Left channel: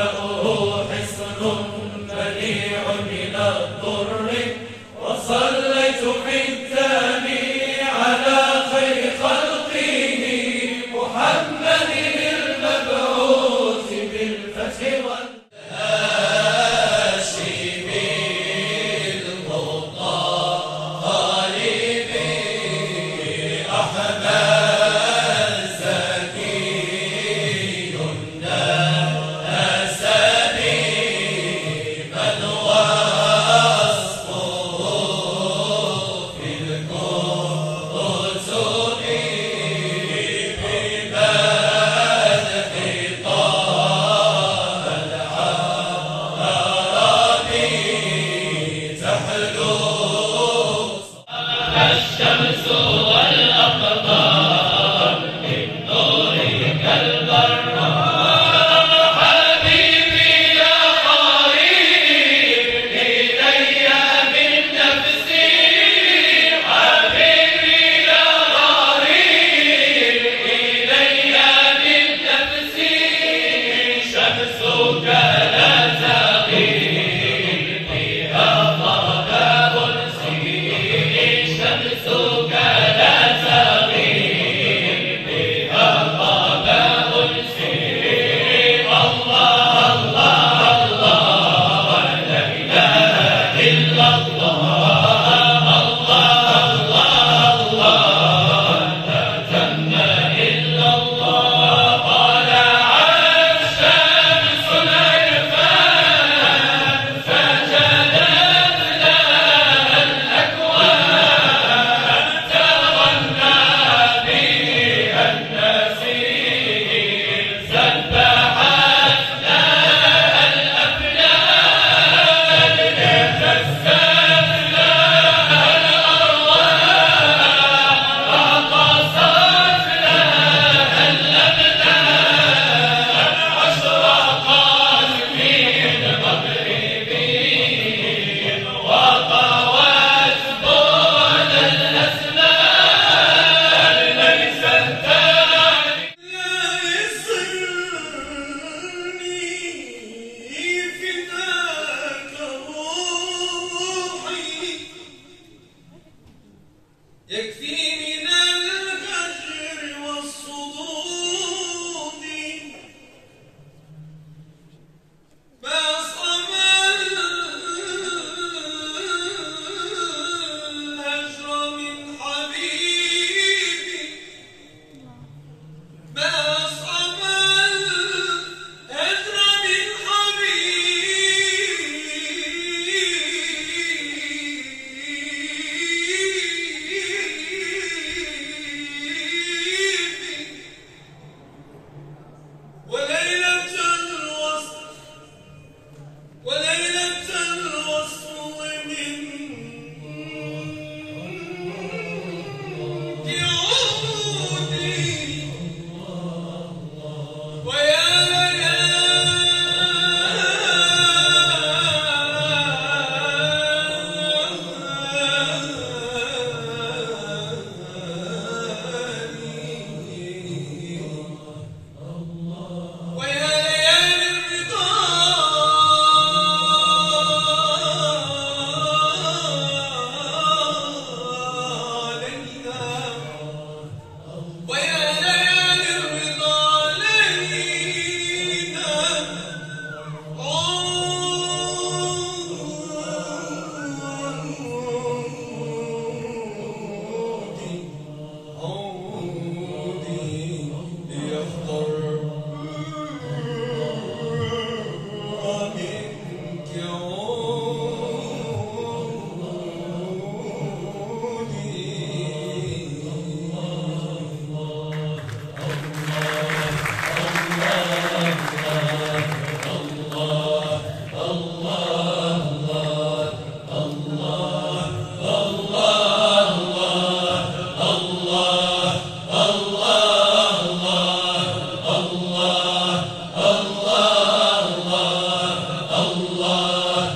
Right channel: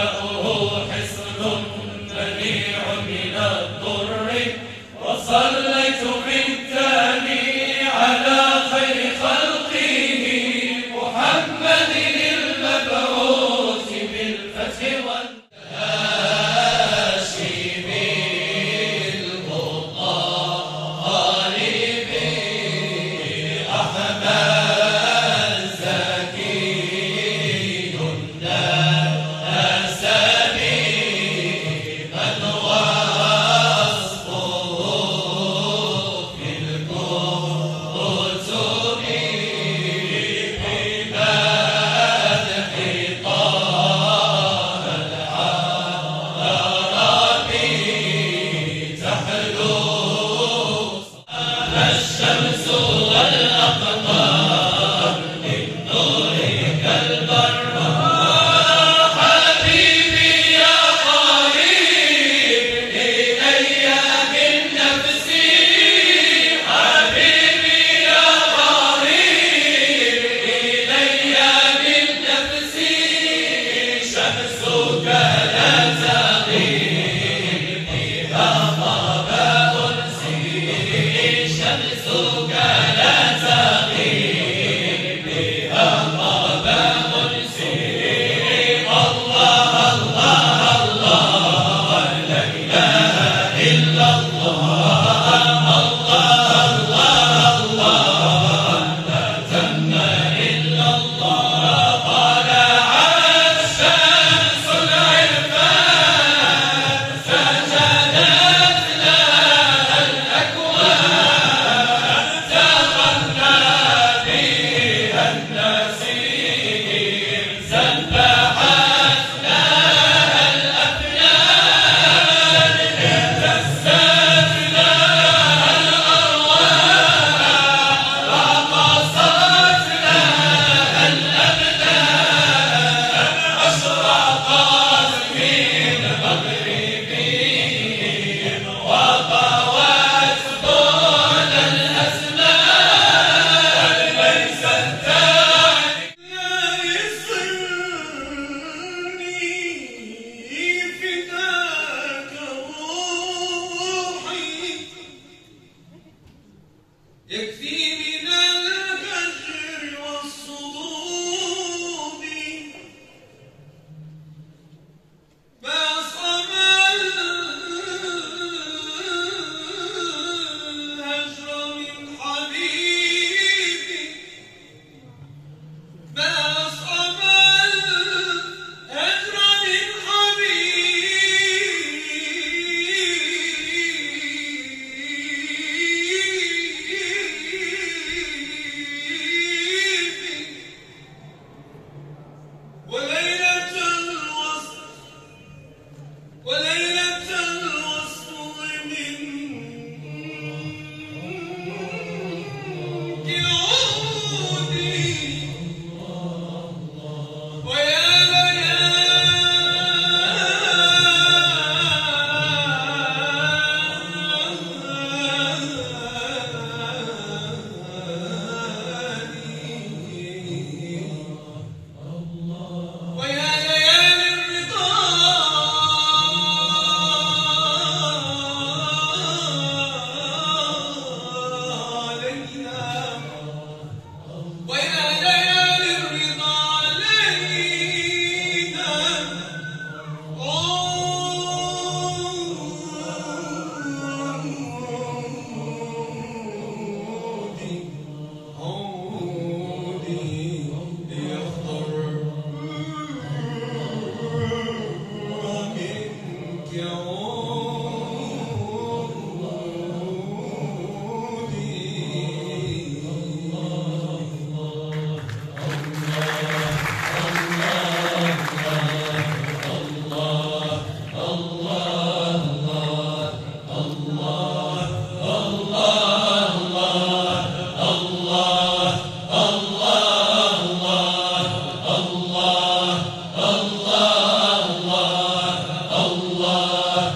ماؤه حصن منيع من الضر وصليت بالتالي على خير خلقه محمد المبعوث بالفتح والهاشم المطالب أحمد الشمس والأقمار من نورك البراء حبيبي يا قريب إلي بالنفس حبيبي يا قريب إلي بالنفس شمسك لا تغيب فيها ضباب شمسك لا تغيب بها ضباب سير الله الله الله لا إله إلا الله الله الله الله لا تم إلا الله طلع الشمس العرفان سجدت لها الأكوان سبحت لها الأبدان تزداد لها الأرواح رقصت لها الأبدان أشرقت من مغربهم وطوت طول الأزمان ليست يكفي من الهجر والصدود ما أصعب الهجر من حبيبي ما أصعب الهجر من وليلة الوصل من يعودي ويا ليالي الرضا علينا ويا ليالي الرضا علينا عودي ليخضر منك الله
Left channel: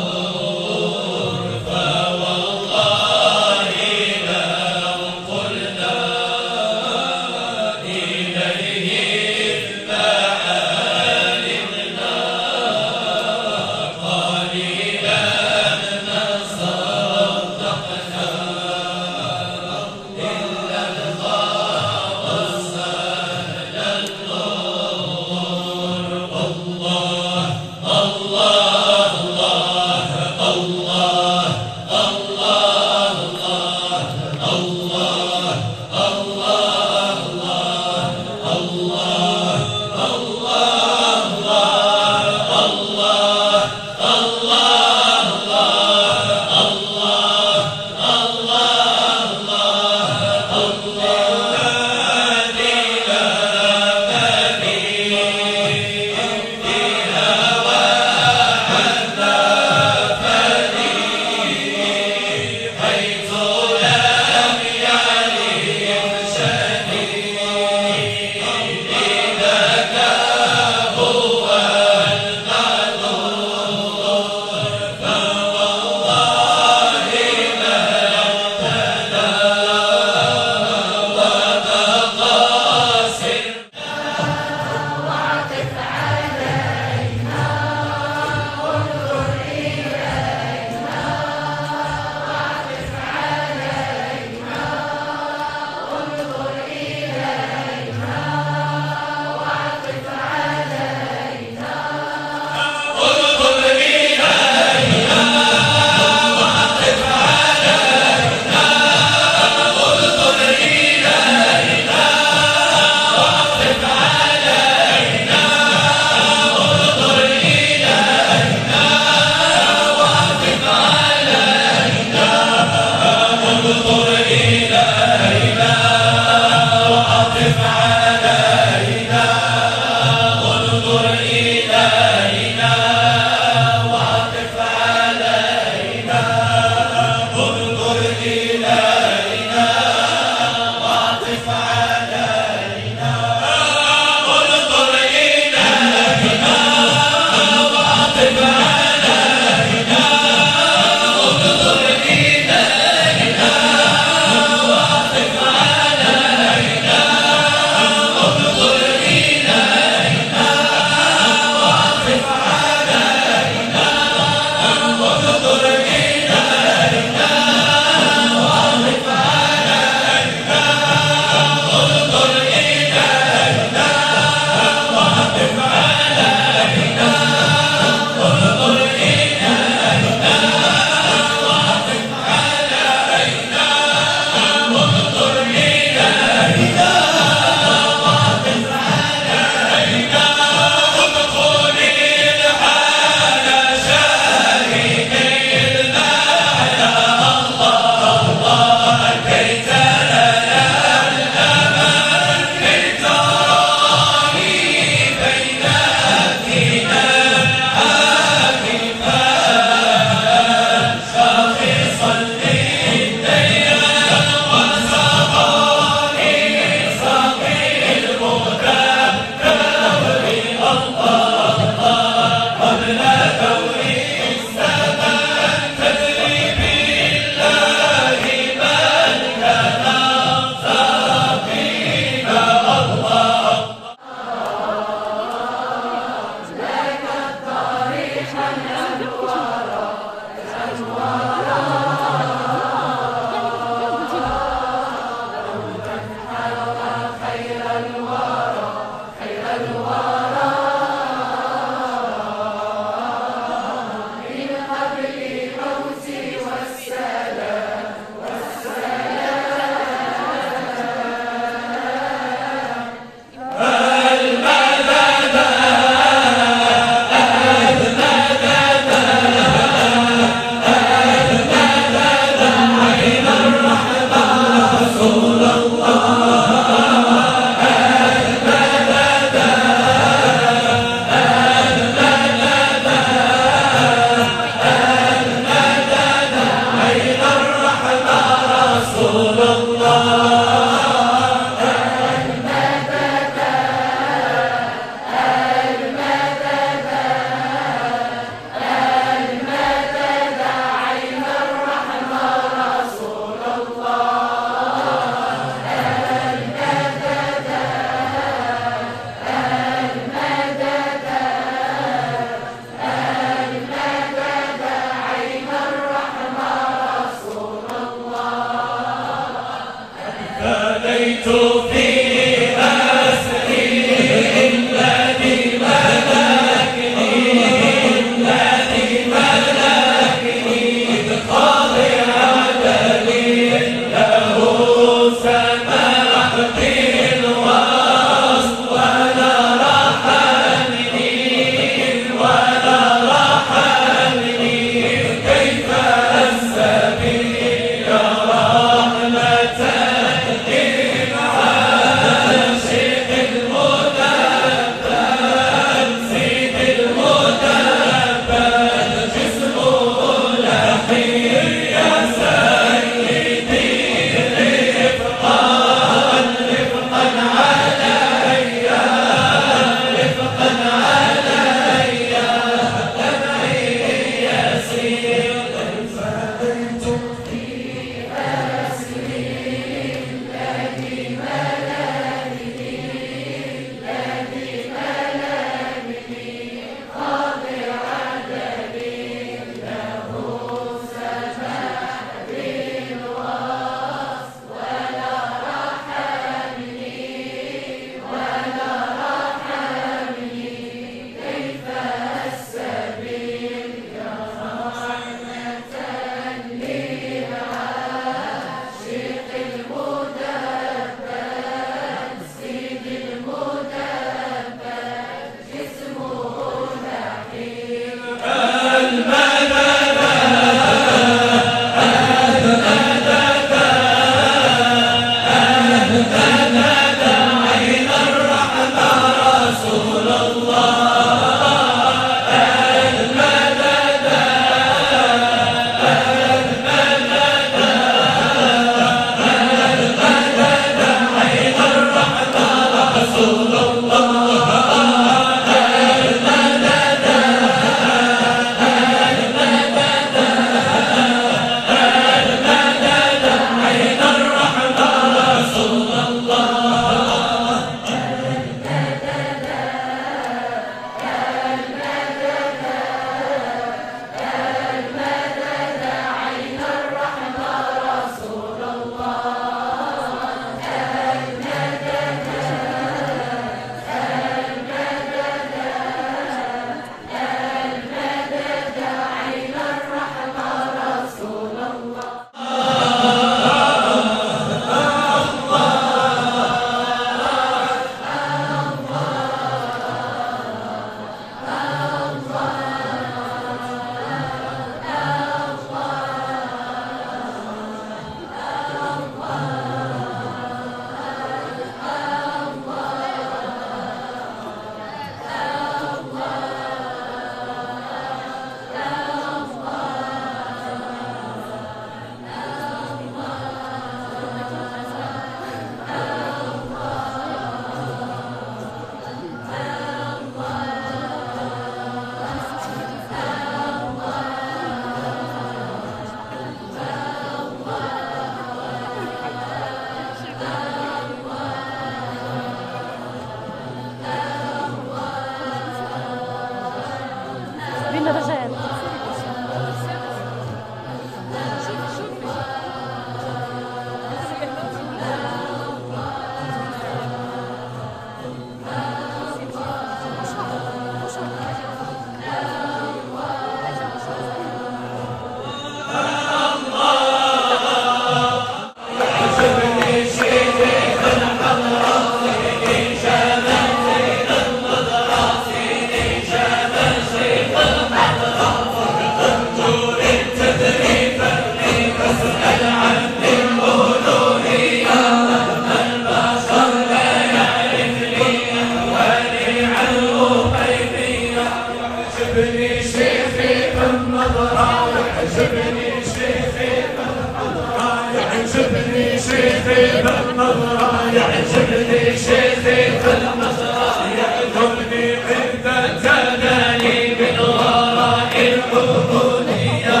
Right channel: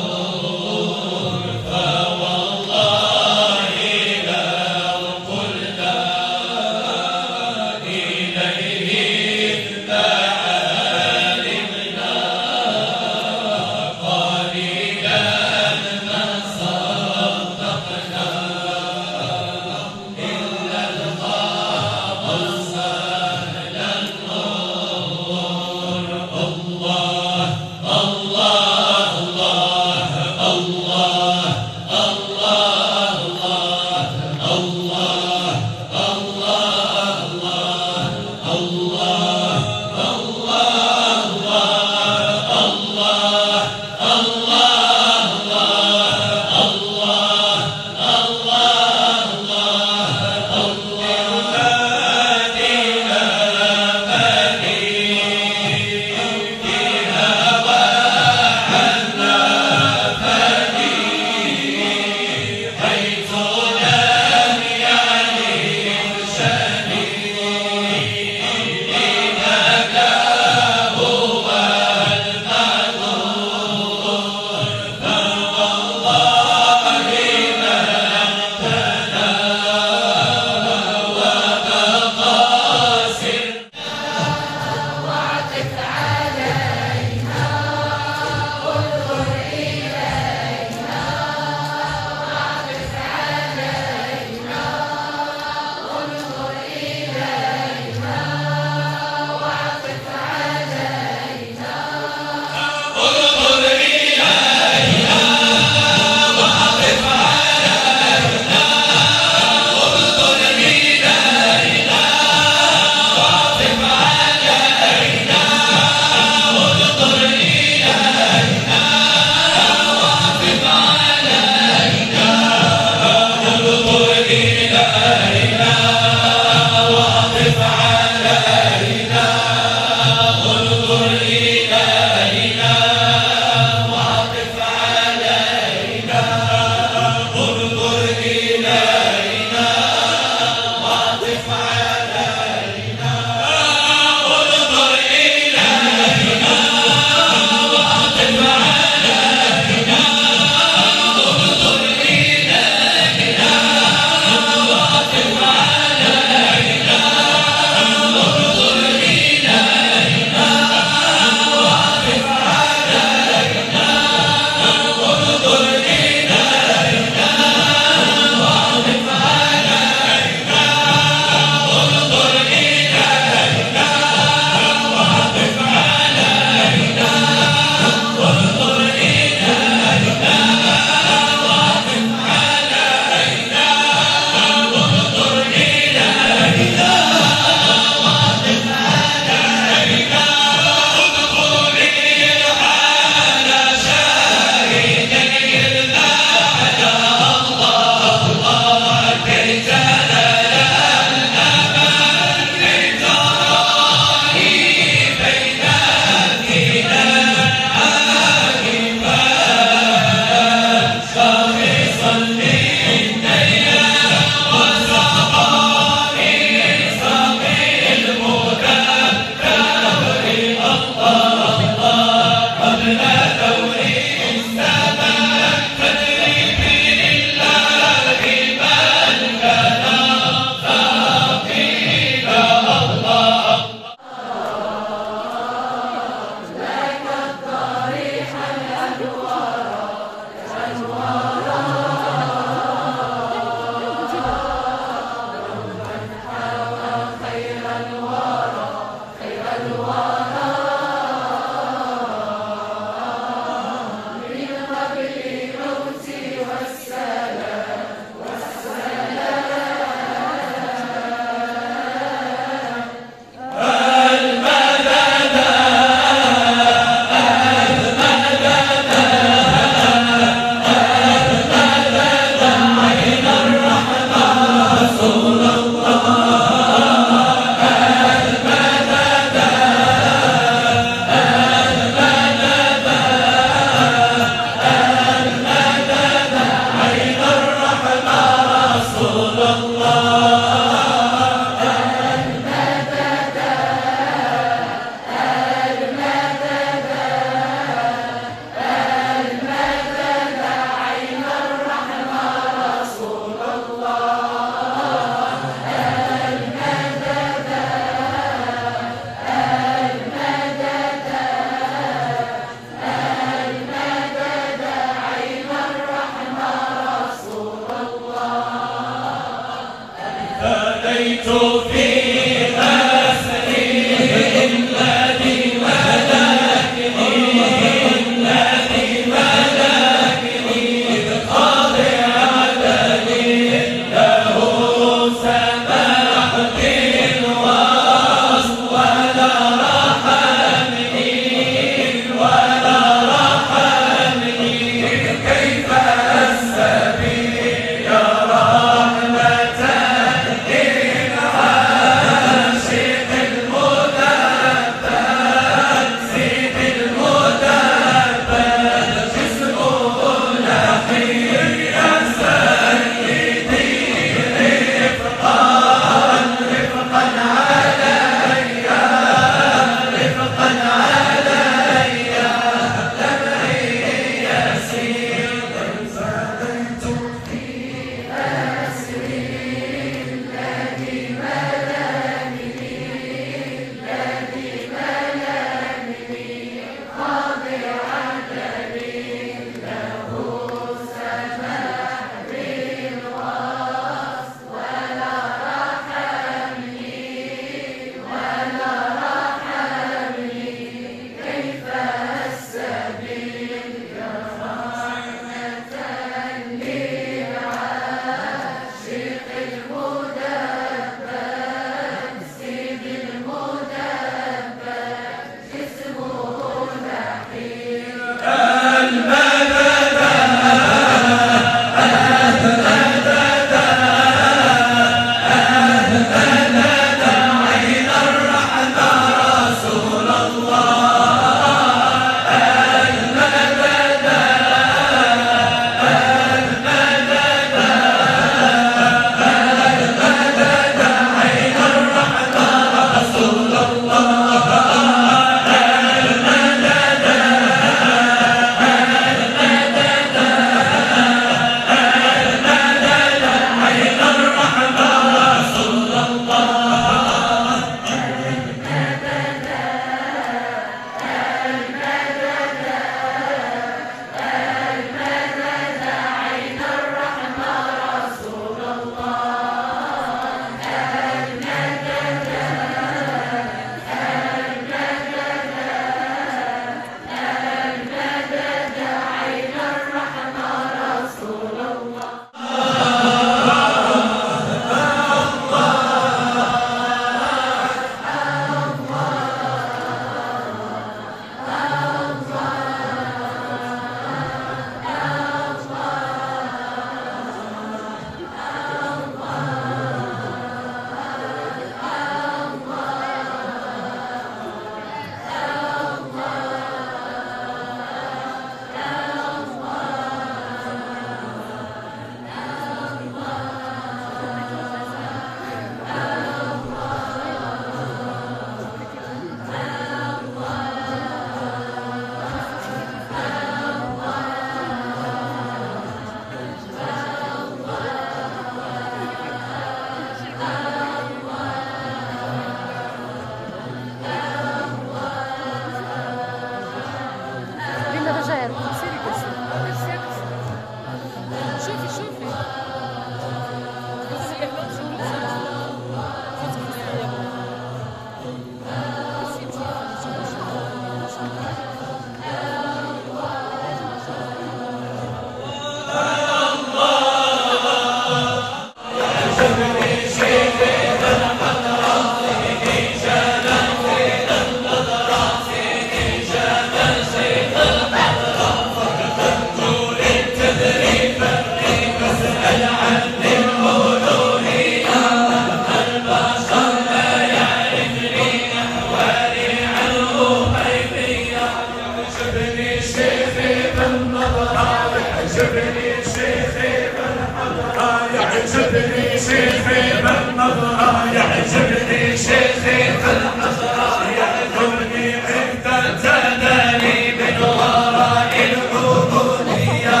يعجبني شيخي بالنظرة، يعجبني شيخي بالنظرة، يعجبني عند التداني من وراء العبودية.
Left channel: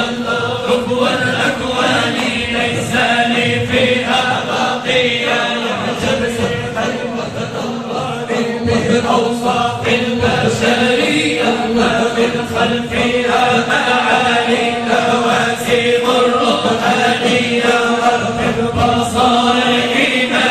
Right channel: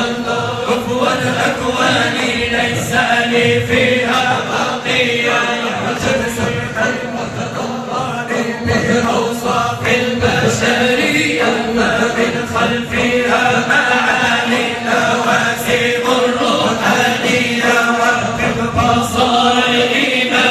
الظروف والأكوان ليس لي فيها بقية، يعجبني بأوصاف البشرية ما من خلفها معاني لواسم الروحانية. وفق بصائرنا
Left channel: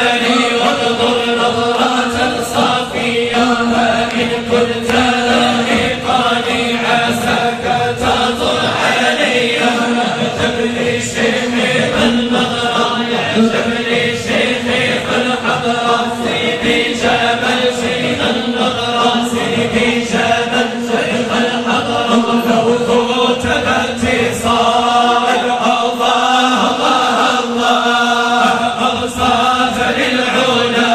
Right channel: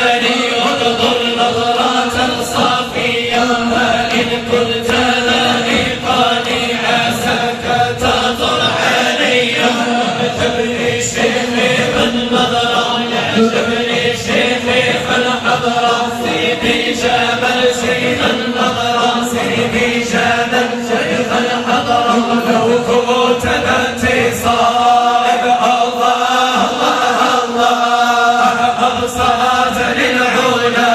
يعجبني شيخي بالنظرة يعجبني شيخي بالحضرة سيدي جبل زين النظرة سيدي جبل شيخ الحضرة لو كنت باتصال الله الله الله أوصاف للعلا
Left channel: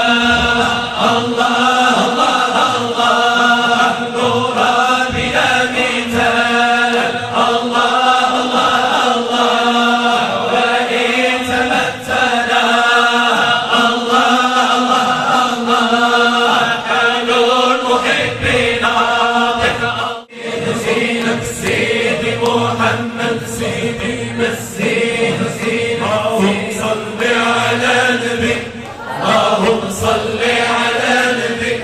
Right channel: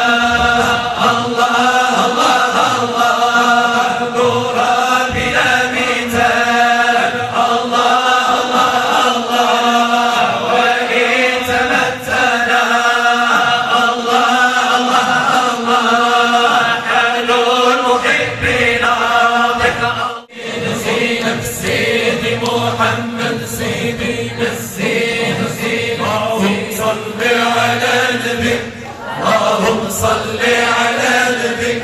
الله الله الله نورا بلا مثال الله الله الله وإن تمثلا الله الله الله حال المحبين زينب سيدي محمد سيدي مسيح سيدي صل على النبي اللهم صل على النبي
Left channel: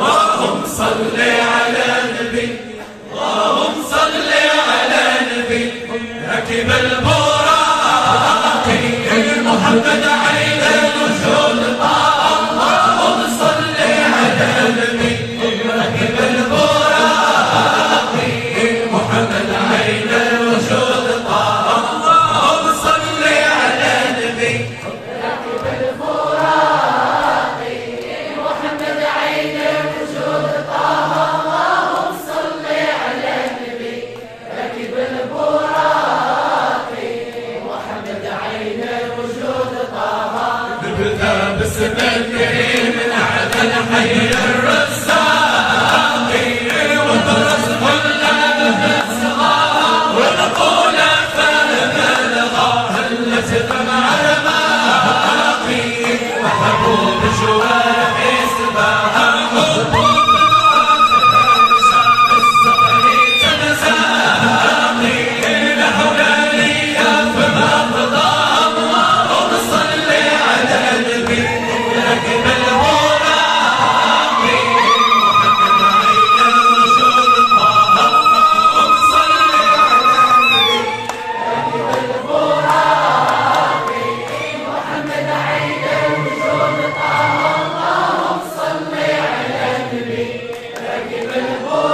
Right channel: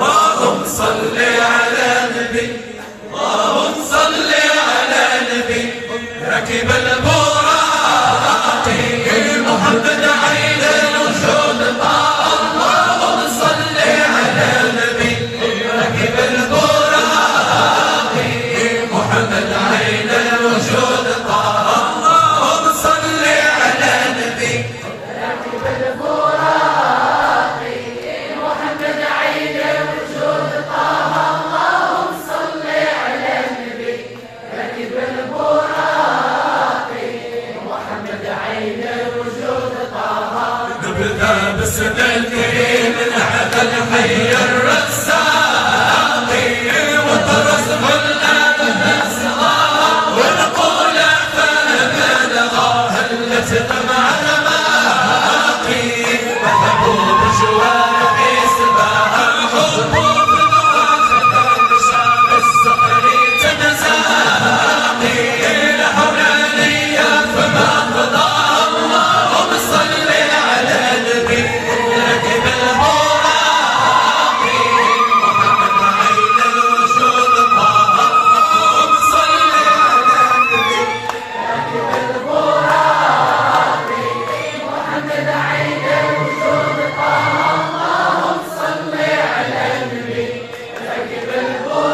اللهم صل على النبي اللهم صل على النبي ركب البراق محمد عين الوجود اللهم صل على النبي ركب البراق محمد عين الوجود اللهم صل على النبي ركب البراق محمد عين الوجود اللهم صل على النبي ركب البراق محمد عين الوجود نبدأ باسم الكريم العبد الحي الرزاق وطرس كل الأسرار ونقول فبلغا هلت مع الماقي وحبوب جوارح سباها حبوب الواخد شاف السحر تنساقي لحلالية فما قضى اللهم صل على النبي ركب البراق محمد عين الوجود اللهم صل على النبي ركب البراق محمد عين الوجود اللهم صل على النبي ركب البراق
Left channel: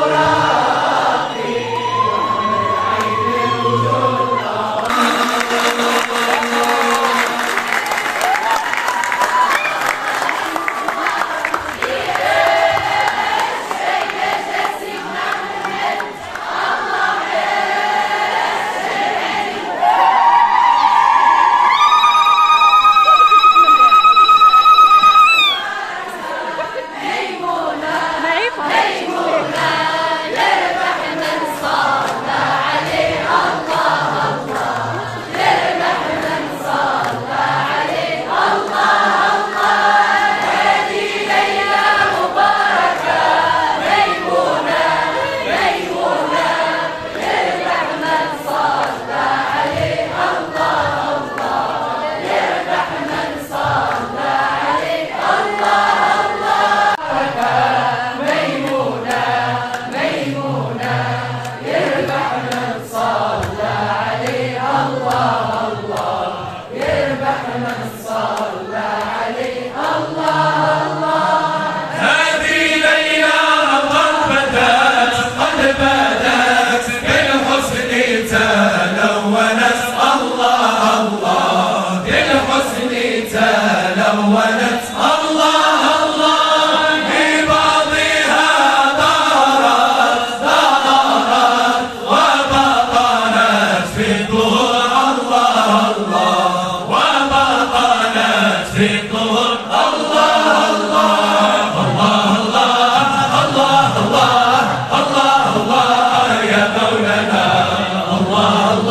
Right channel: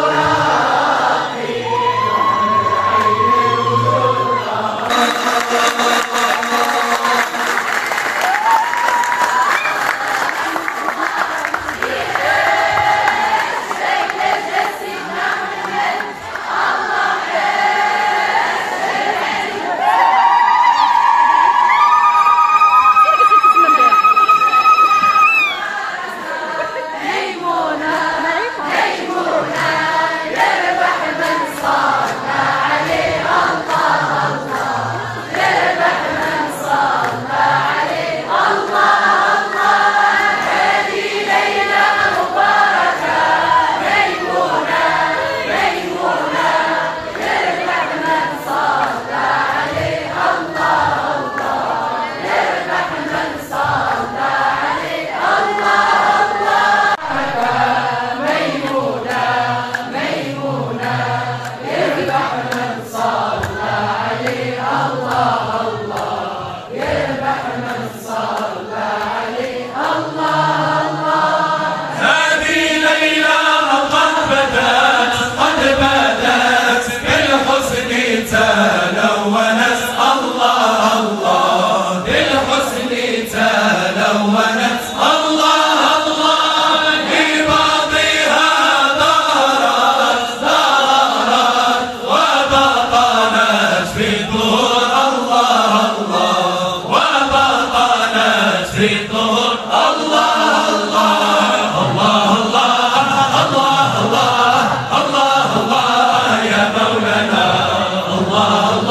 الله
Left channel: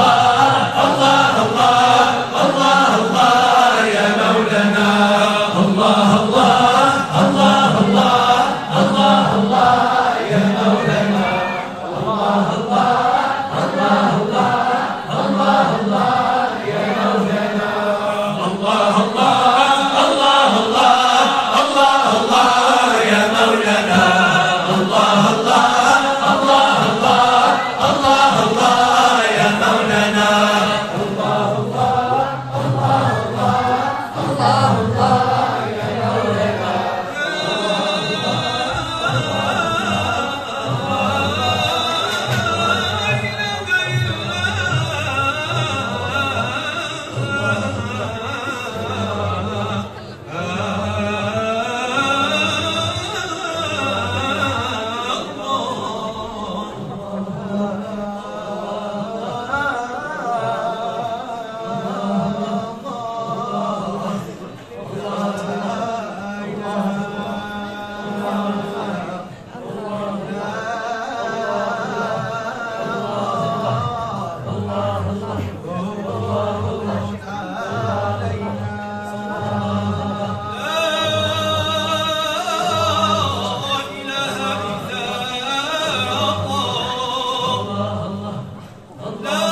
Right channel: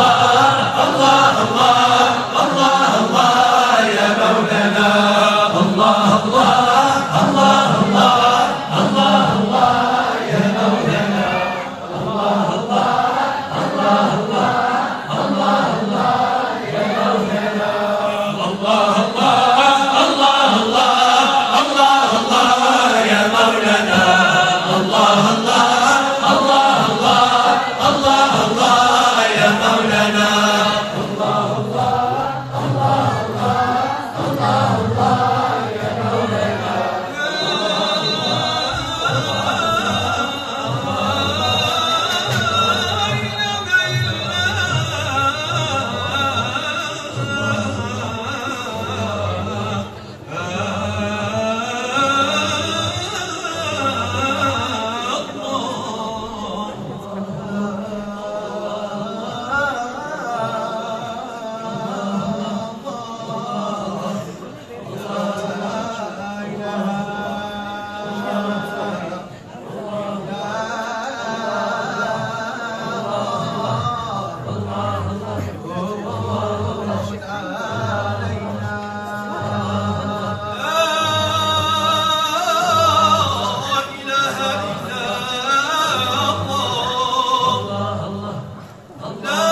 لا